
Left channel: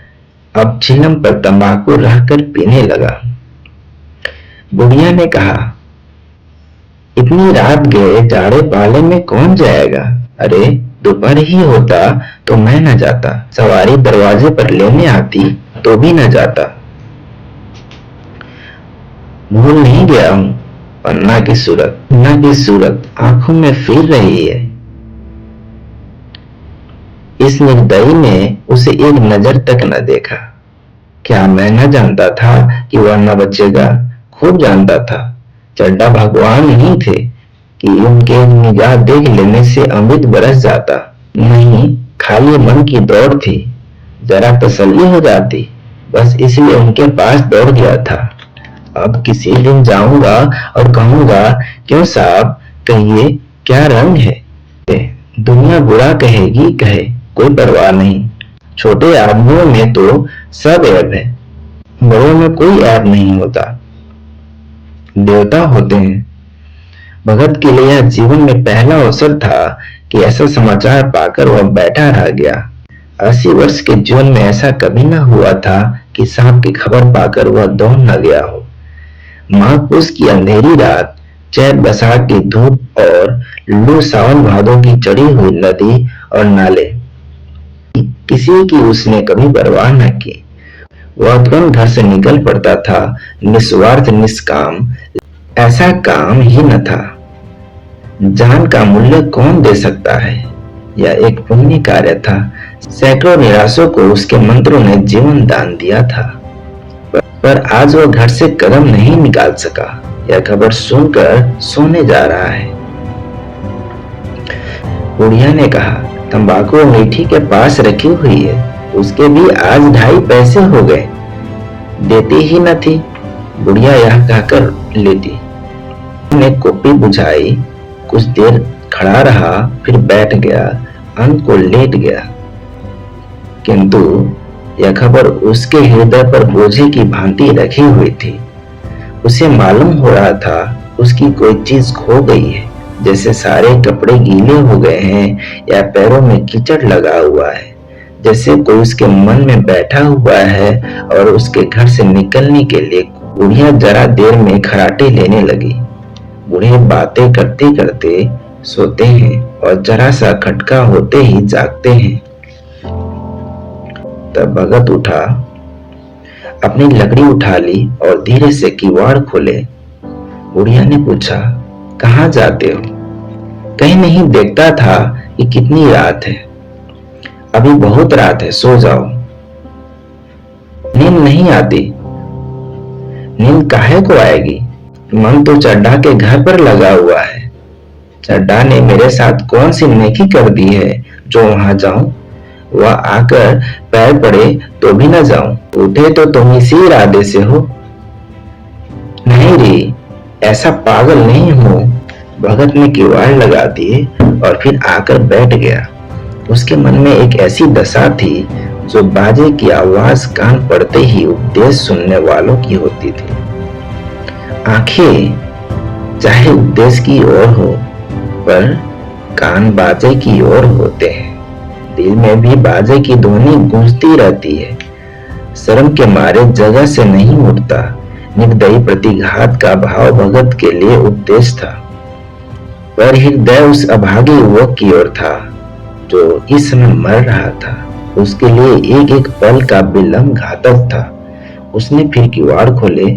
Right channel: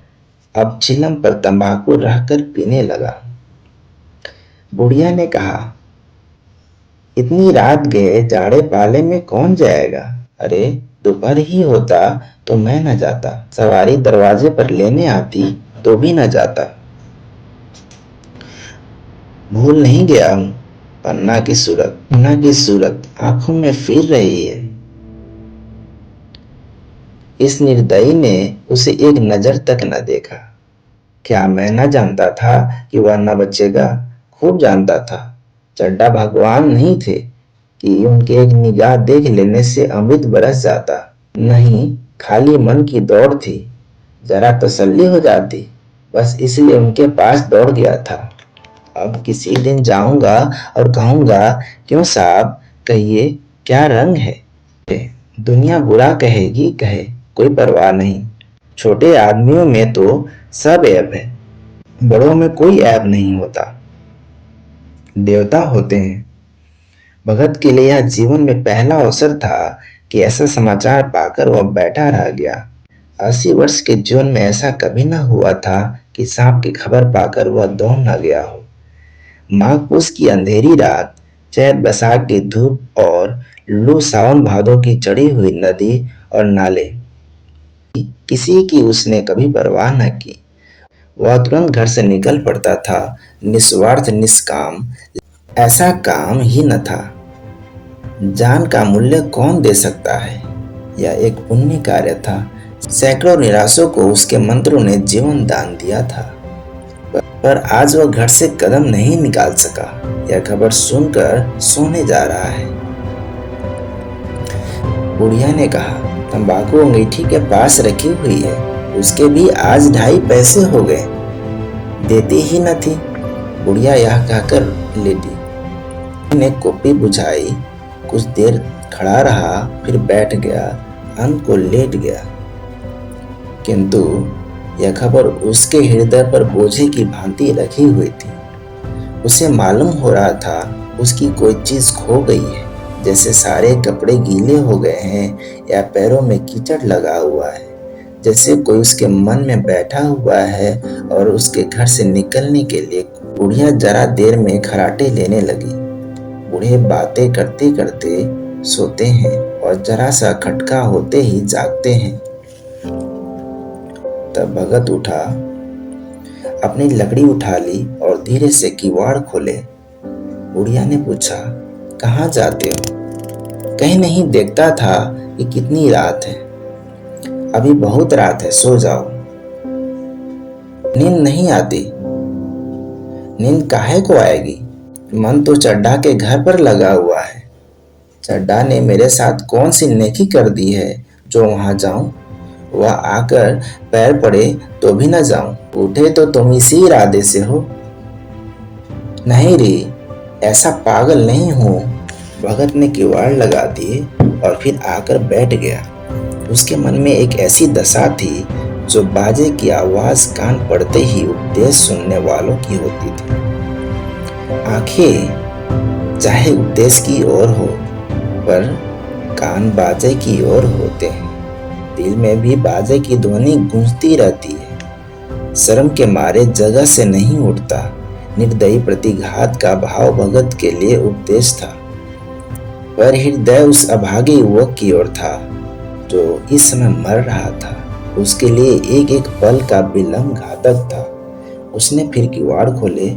अब चिलम पर तंबाकू रखकर पीने लगा। बुढ़िया ने कहा, इतनी रात गए जाड़े पाले में कौन जाएगा? अरे दोपहर ही होता तो मैं न जाता। सवारी दरवाजे पर लेने आती तो भी न जाता। भूल नहीं गया हूं। अन्ना की सूरत आंखों में फिर रही है। इस निर्दयी ने उसे एक नजर तक न देखा। क्या मैं न जानता था कि वह न बचेगा? खूब जानता था। चड्डा भगवान नहीं थे कि उनके निगाह देख लेने से अमृत बरस जाता। नहीं, खाली मन की दौड़ थी। जरा तसल्ली हो जाती, बस इसलिए उनके पास दौड़ गया था। अब किसी दिन जाऊंगा और कहूंगा, क्यों साहब, कहिए क्या रंग है? दुनिया बुरा कहेगी, कहे, कोई परवाह नहीं। छोटे आदमियों में तो सब ऐब है, बड़ों में कोई ऐब नहीं होता। देवता होते हैं। भगत के लिए यह जीवन में पहला अवसर था कि ऐसा समाचार पाकर वह बैठा रह गया। 80 वर्ष के जीवन में ऐसा कभी न हुआ था कि सांप की खबर पाकर वह दौड़ न गया हो। माघ पुष की अंधेरी रात, चैत बैसाख की धूप और लू सावन भादों की चढ़ी हुई नदी और नाले, किसी की उसने कभी परवाह न की। वह तुरंत घर से निकल पड़ता था, निस्वार्थ निष्काम। ऐसा काम ही न था। जान का मूल्य कौन दे सकता है? यह एक पुण्य कार्य था। सैकड़ों निराशों को उसके मंत्रों ने जीवन दान दिया था, पर आज वह घर से कदम नहीं निकाल सका। यह खबर सुनकर सोने जा रहा है। बुढ़िया ने कहा, तंबाकू मीठी के पास रखी हुई है, उसके भी आज 2.5 पैसे हो गए। देती ही न थी। बुढ़िया यह कहकर लेटी। ने कॉपी बुझाई, कुछ देर खड़ा रहा, फिर बैठ गया, अंत को लेट गया। किंतु यह खबर उसके हृदय पर बोझे की भांति रखी हुई थी। उसे मालूम हो रहा था उसकी कोई चीज खो गई है, जैसे सारे कपड़े गीले हो गए हैं या पैरों में कीचड़ लगा हुआ है, जैसे कोई उसके मन में बैठा हुआ है और उसके घर से निकलने के लिए। बुढ़िया जरा देर में खराटे लेने लगी। बूढ़े बातें करते करते सोते हैं और जरा सा खटका होते ही जागते हैं। तब भगत उठा, अपनी लकड़ी उठा ली और धीरे से किवाड़ खोले। बुढ़िया ने पूछा, कहाँ जाते हो? कहीं नहीं, देखता था कि कितनी रात है। अभी बहुत रात है, सो जाओ। नींद नहीं आती। नींद काहे को आएगी? मन तो चड्डा के घर पर लगा हुआ है। चड्डा ने मेरे साथ कौन सी नेकी कर दी है जो वहां जाऊं? वह आकर पैर पड़े तो भी न जाऊं। उठे तो तुम इसी इरादे से हो। नहीं रे, ऐसा पागल नहीं हूं। भगत ने किवाड़ लगा दिए और फिर आकर बैठ गया। उसके मन में एक ऐसी दशा थी जो बाजे की आवाज कान पड़ते ही उपदेश सुनने वालों की होती थी। आंखें चाहे उपदेश की ओर हो, पर कान बाजे की ओर होते हैं। दिल में भी बाजे की ध्वनि गूंजती रहती है। शर्म के मारे जगह से नहीं उठता। निर्दयी प्रतिघात का भाव भगत के लिए उपदेश था, पर हृदय उस अभागे युवक की ओर था जो इस समय मर रहा था। उसके लिए एक एक पल का विलंब घातक था। उसने फिर किवाड़ खोले।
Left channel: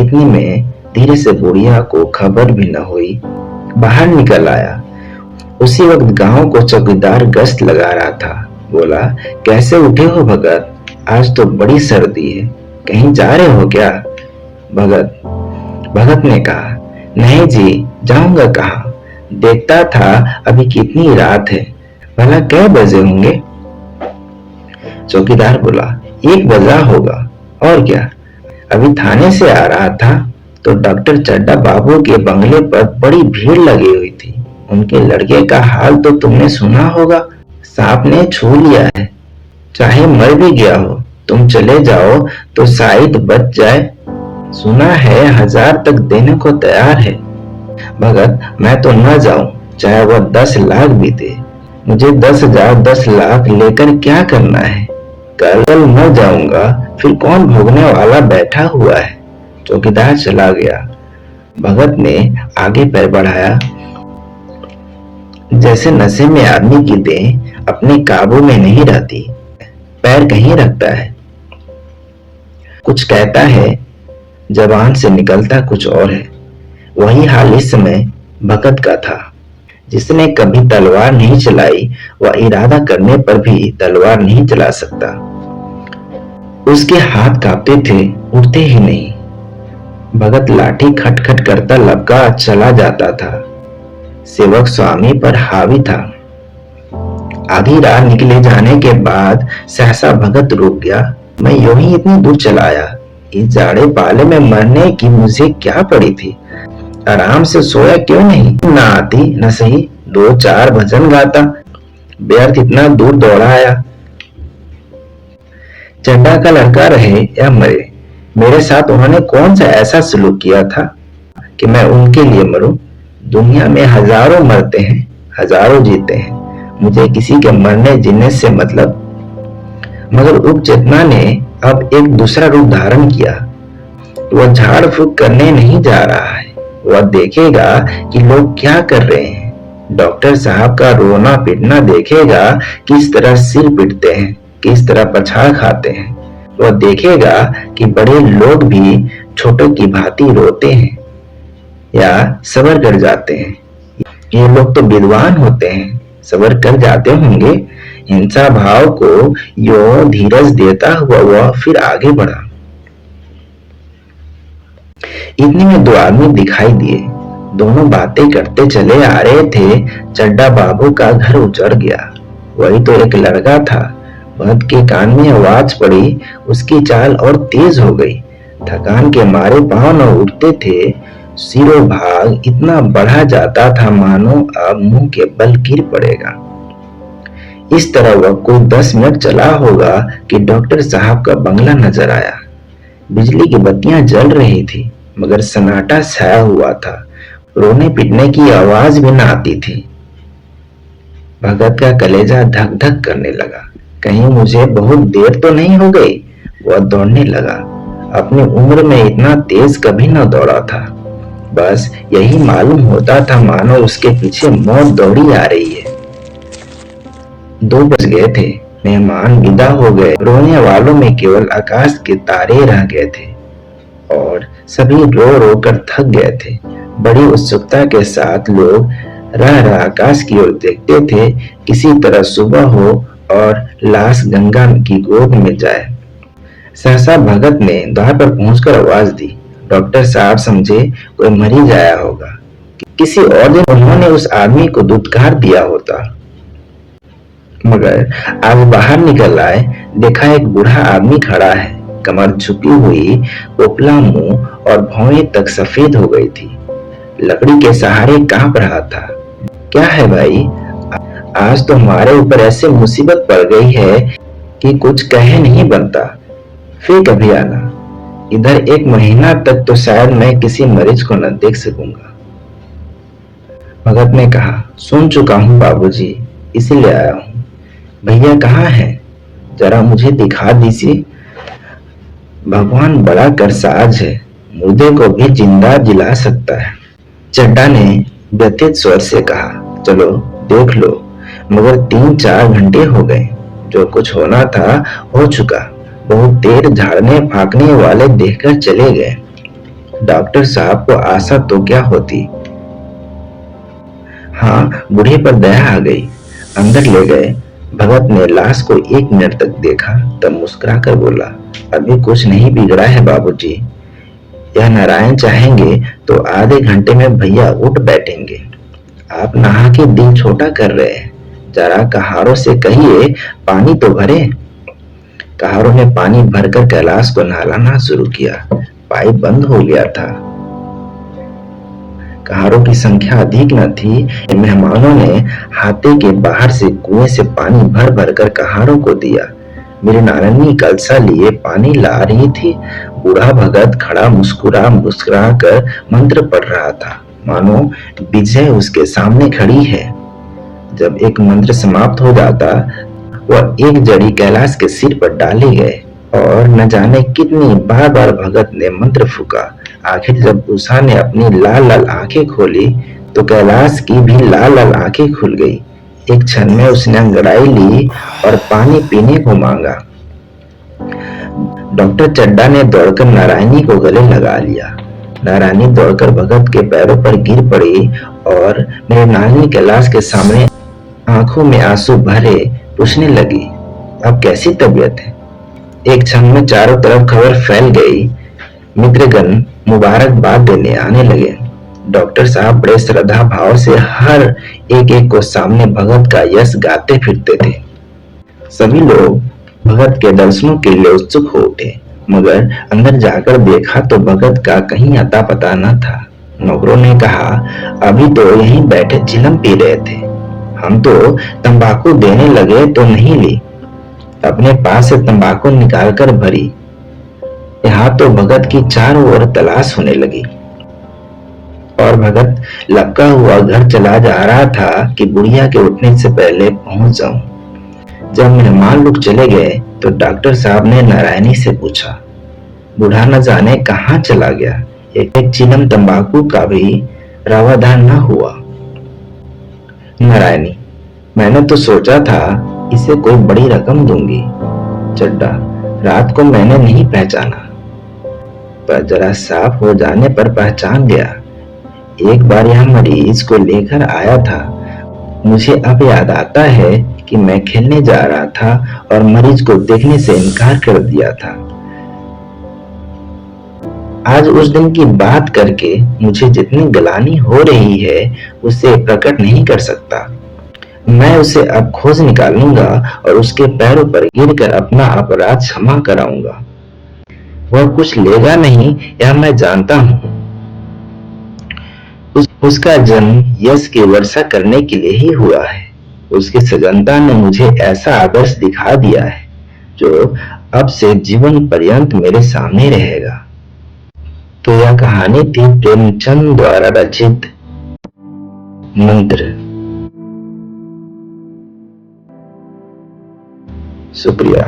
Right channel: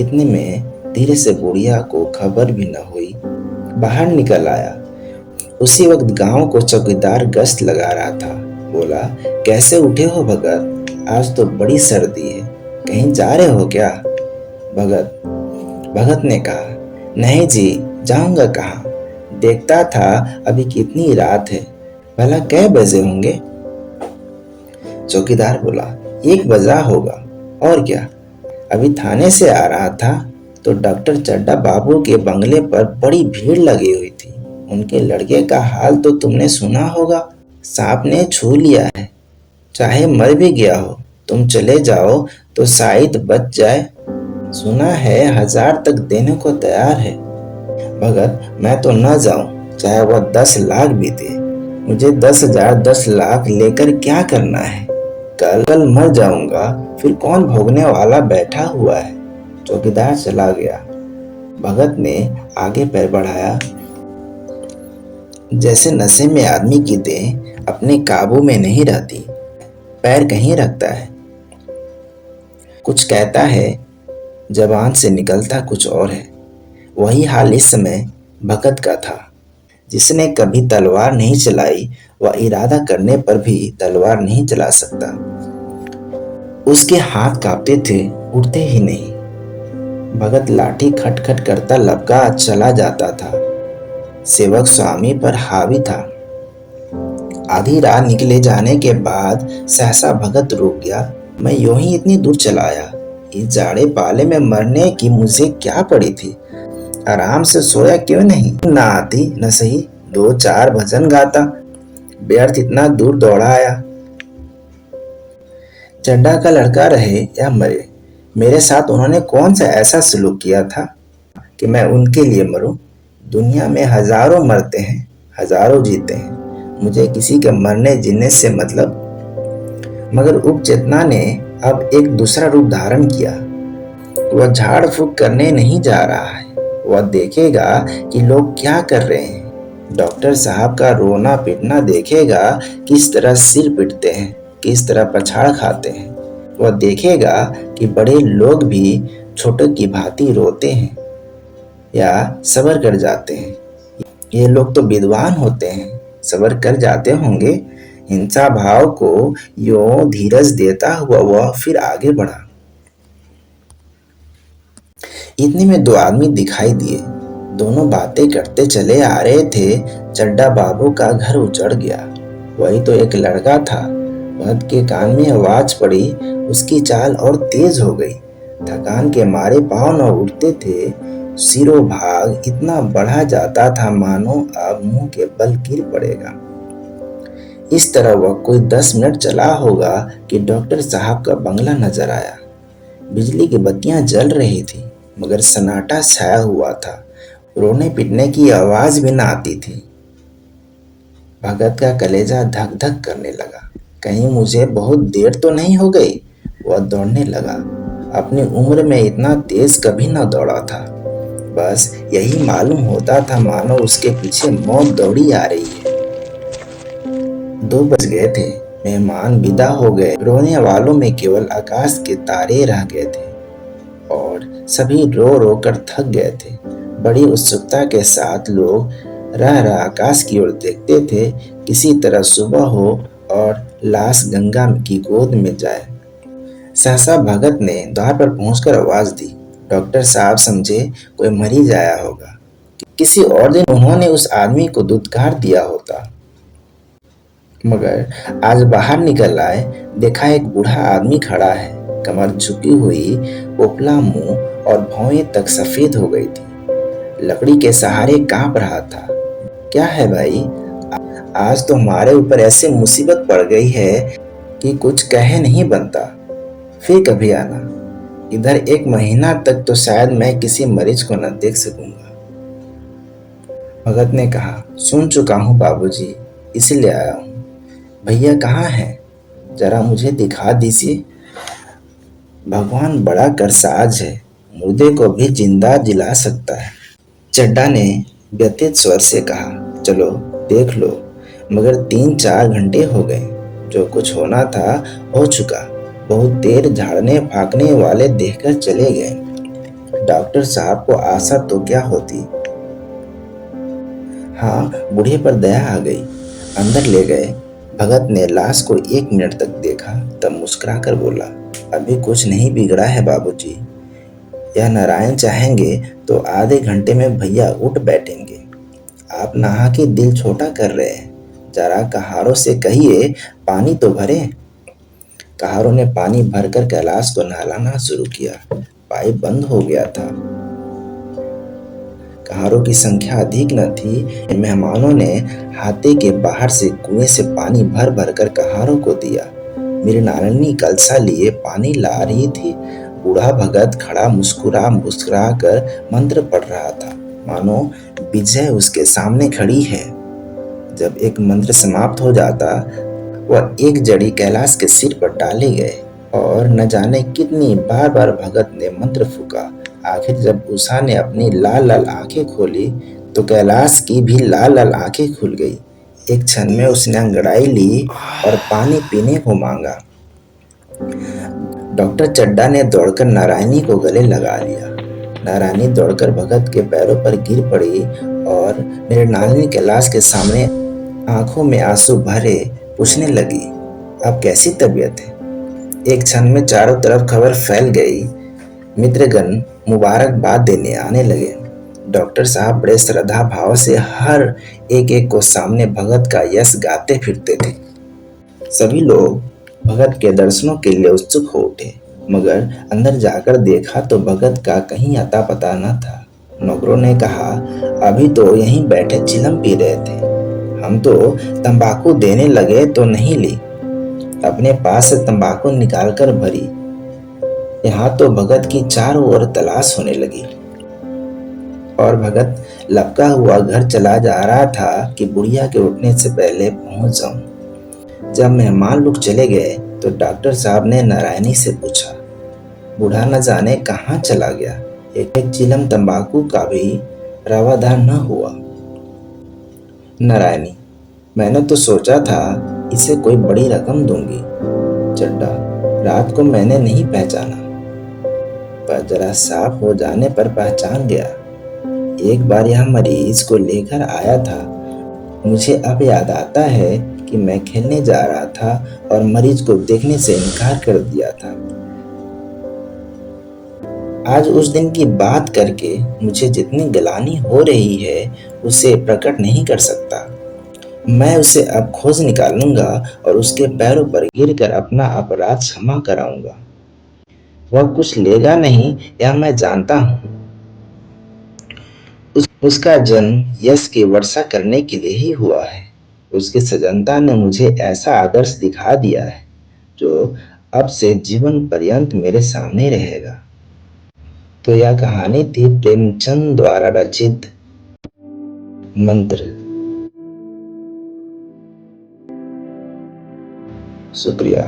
इतने में धीरे से बुढ़िया को खबर भी न हुई बाहर निकल आया। उसी वक्त गांव को चौकीदार गश्त लगा रहा था। बोला, कैसे उठे हो भगत? आज तो बड़ी सर्दी है, कहीं जा रहे हो क्या? भगत भगत ने कहा, नहीं जी, जाऊंगा कहाँ? देखता था अभी कितनी रात है, भला कै बजे होंगे? चौकीदार बोला, 1 बजा होगा। और क्या? अभी थाने से आ रहा था तो डॉक्टर चड्डा बाबू के बंगले पर बड़ी भीड़ लगी हुई थी। उनके लड़के का हाल तो तुमने सुना होगा, सांप ने छू लिया है। चाहे मर भी गया हो, तुम चले जाओ तो शायद बच जाए। सुना है 1000 तक देने को तैयार है। भगत, मैं तो न जाऊं, चाहे वह 10 लाख भी दे। मुझे 10,000 10 लाख लेकर क्या करना है? कल न जाऊंगा, फिर कौन भोगने वाला बैठा हुआ है? चौकीदार चला गया। भगत ने आगे पैर बढ़ाया। जैसे नशे में आदमी की देह अपने काबू में नहीं रहती, पैर कहीं रखता है, कुछ कहता है, जबान से निकलता कुछ और है। वही हाल इस समय भगत का था। जिसने कभी तलवार नहीं चलाई वह इरादा करने पर भी तलवार नहीं चला सकता। उसके हाथ कांपते थे, उठते ही नहीं। भगत लाठी खटखट करता लपका चला जाता था। सेवक स्वामी पर हावी था। आधी रात निकले जाने के बाद सहसा भगत रुक गया। मैं यूं ही इतनी दूर चला आया, इस जाड़े पाले में मरने की मुझे क्या पड़ी थी? आराम से सोया क्यों नहीं? ना आती न सही 2-4 भजन गाता, व्यर्थ इतना दूर दौड़ा आया। चड्डा का लड़का रहे या मरे, मेरे साथ उन्होंने कौन सा ऐसा सलूक किया था कि मैं उनके लिए मरूं? दुनिया में हजारों मरते हैं, हजारों जीते हैं, मुझे किसी के मरने जीने से मतलब। मगर उप चेतना ने अब एक दूसरा रूप धारण किया। वह झाड़ फूक करने नहीं जा रहा है, वह देखेगा कि लोग क्या कर रहे हैं। डॉक्टर साहब का रोना पीटना देखेगा, किस तरह सिर पीटते हैं, किस तरह पछाड़ खाते हैं। वह देखेगा कि बड़े लोग भी छोटों की भांति रोते हैं या सबर कर जाते हैं। ये लोग तो विद्वान होते हैं, सबर कर जाते होंगे। हिंसा भाव को यो धीरज देता हुआ वह फिर आगे बढ़ा। इतने में 2 आदमी दिखाई दिए। दोनों बातें करते चले आ रहे थे। चड्डा बाबू का घर उजड़ गया। वही तो एक लड़का था। भगत के कान में आवाज पड़ी, उसकी चाल और तेज हो गई। थकान के मारे पांव न उठते थे। सिरों भाग इतना बढ़ा जाता था मानो अब मुंह के बल गिर पड़ेगा। इस तरह वह कोई 10 मिनट चला होगा कि डॉक्टर साहब का बंगला नजर आया। बिजली की बत्तियां जल रही थी, मगर सन्नाटा छाया हुआ था। रोने पीटने की आवाज भी न आती थी। भगत का कलेजा धक धक करने लगा। कहीं मुझे बहुत देर तो नहीं हो गई? वह दौड़ने लगा। अपनी उम्र में इतना तेज कभी न दौड़ा था। बस यही मालूम होता था मानो उसके पीछे मौत दौड़ी आ रही है। 2 बज गए थे। मेहमान विदा हो गए। रोने वालों में केवल आकाश के तारे रह गए थे और सभी रो रो कर थक गए थे। बड़ी उत्सुकता के साथ लोग रह रह आकाश की ओर देखते थे, किसी तरह सुबह हो और लाश गंगा की गोद में जाए। सहसा भगत ने द्वार पर पहुंचकर आवाज दी। डॉक्टर साहब समझे कोई मर ही जाया होगा। किसी और दिन उन्होंने उस आदमी को दुत्कार दिया होता, मगर आज बाहर निकल आए, देखा एक बूढ़ा आदमी खड़ा है। कमर झुकी हुई, पोपला मुंह और भौहें तक सफेद हो गई थी। लकड़ी के सहारे कांप रहा था। क्या है भाई, आज तो हमारे ऊपर ऐसे मुसीबत पड़ गई है कि कुछ कहे नहीं बनता। फिर कभी आना। इधर 1 महीना तक तो शायद मैं किसी मरीज को न देख सकूंगा। भगत ने कहा, सुन चुका हूँ बाबूजी, इसीलिए आया हूँ। भैया कहाँ हैं? जरा मुझे दिखा दीजिए। भगवान बड़ा करसाज है, मुर्दे को भी जिंदा जिला सकता है। चड्डा ने व्यथित स्वर से कहा, चलो देख लो, मगर 3-4 घंटे हो गए। जो कुछ होना था हो चुका। बहुत देर झाड़ने फाकने वाले देखकर चले गए। डॉक्टर साहब को आशा तो क्या होती। हाँ, बूढ़े पर दया आ गई। अंदर ले गए। भगत ने लाश को 1 मिनट तक देखा, तब मुस्कुराकर बोला, अभी कुछ नहीं बिगड़ा है बाबूजी। यह नारायण चाहेंगे तो आधे घंटे में भैया उठ बैठेंगे। आप नहा के दिल छोटा कर रहे हैं। जरा कहारों से कहिए पानी तो भरे। कहारों ने पानी भरकर कैलाश को नहलाना शुरू किया। पाइप बंद हो गया था। कहारों की संख्या अधिक न थी। मेहमानों ने हाथे के बाहर से कुएं से पानी भर भर कर कहारों को दिया। मेरी नारंगी कलसा लिए पानी ला रही थी। बूढ़ा भगत खड़ा मुस्कुरा मुस्कुरा कर मंत्र पढ़ रहा था, मानो विजय उसके सामने खड़ी है। जब एक मंत्र समाप्त हो जाता, वह एक जड़ी कैलाश के सिर पर डाले गए और न जाने कितनी बार बार भगत ने मंत्र फूका। आखिर जब उषा ने अपनी लाल लाल आंखें खोली तो कैलाश की भी लाल लाल आंखें खुल गई। एक क्षण में उसने अंगड़ाई ली और पानी पीने को मांगा। डॉक्टर चड्डा ने दौड़कर नारायणी को गले लगा लिया। नारायणी दौड़कर भगत के पैरों पर गिर पड़ी और मेरे नानी कैलाश के सामने आंखों में आंसू भरे पूछने लगी, अब कैसी तबीयत है? एक क्षण में चारों तरफ खबर फैल गई। मित्रगण मुबारकबाद देने आने लगे। डॉक्टर साहब बड़े श्रद्धा भाव से हर एक एक को सामने भगत का यश गाते फिरते थे। सभी लोग भगत के दर्शनों के लिए उत्सुक हो उठे, मगर अंदर जाकर देखा तो भगत का कहीं अता पता न था। नौकरों ने कहा, अभी तो यहीं बैठे चिलम पी रहे थे, हम तो तंबाकू देने लगे तो नहीं ली। अपने पास से तंबाकू निकालकर भरी। यहाँ तो भगत की चारों ओर तलाश होने लगी और भगत लपका हुआ घर चला जा रहा था कि बुढ़िया के उठने से पहले पहुंच जाऊं। जब मेहमान लोग चले गए तो डॉक्टर साहब ने नारायणी से पूछा, बूढ़ा न जाने कहाँ चला गया? एक चिलम तंबाकू का भी रवादान न हुआ। नारायणी, मैंने तो सोचा था इसे कोई बड़ी रकम दूंगी। चड्डा, रात को मैंने नहीं पहचाना, पर जरा साफ हो जाने पर पहचान गया। एक बार यह मरीज को लेकर आया था। मुझे अब याद आता है कि मैं खेलने जा रहा था और मरीज को देखने से इनकार कर दिया था। आज उस दिन की बात करके मुझे जितनी गलानी हो रही है उसे प्रकट नहीं कर सकता। मैं उसे अब खोज निकालूंगा और उसके पैरों पर गिरकर अपना अपराध क्षमा कराऊंगा। वह कुछ लेगा नहीं, यह मैं जानता हूँ। उसका जन्म यश की वर्षा करने के लिए ही हुआ है। उसकी सजनता ने मुझे ऐसा आदर्श दिखा दिया है जो अब से जीवन पर्यंत मेरे सामने रहेगा। तो यह कहानी थी प्रेमचंद द्वारा रचित मंत्र। शुक्रिया।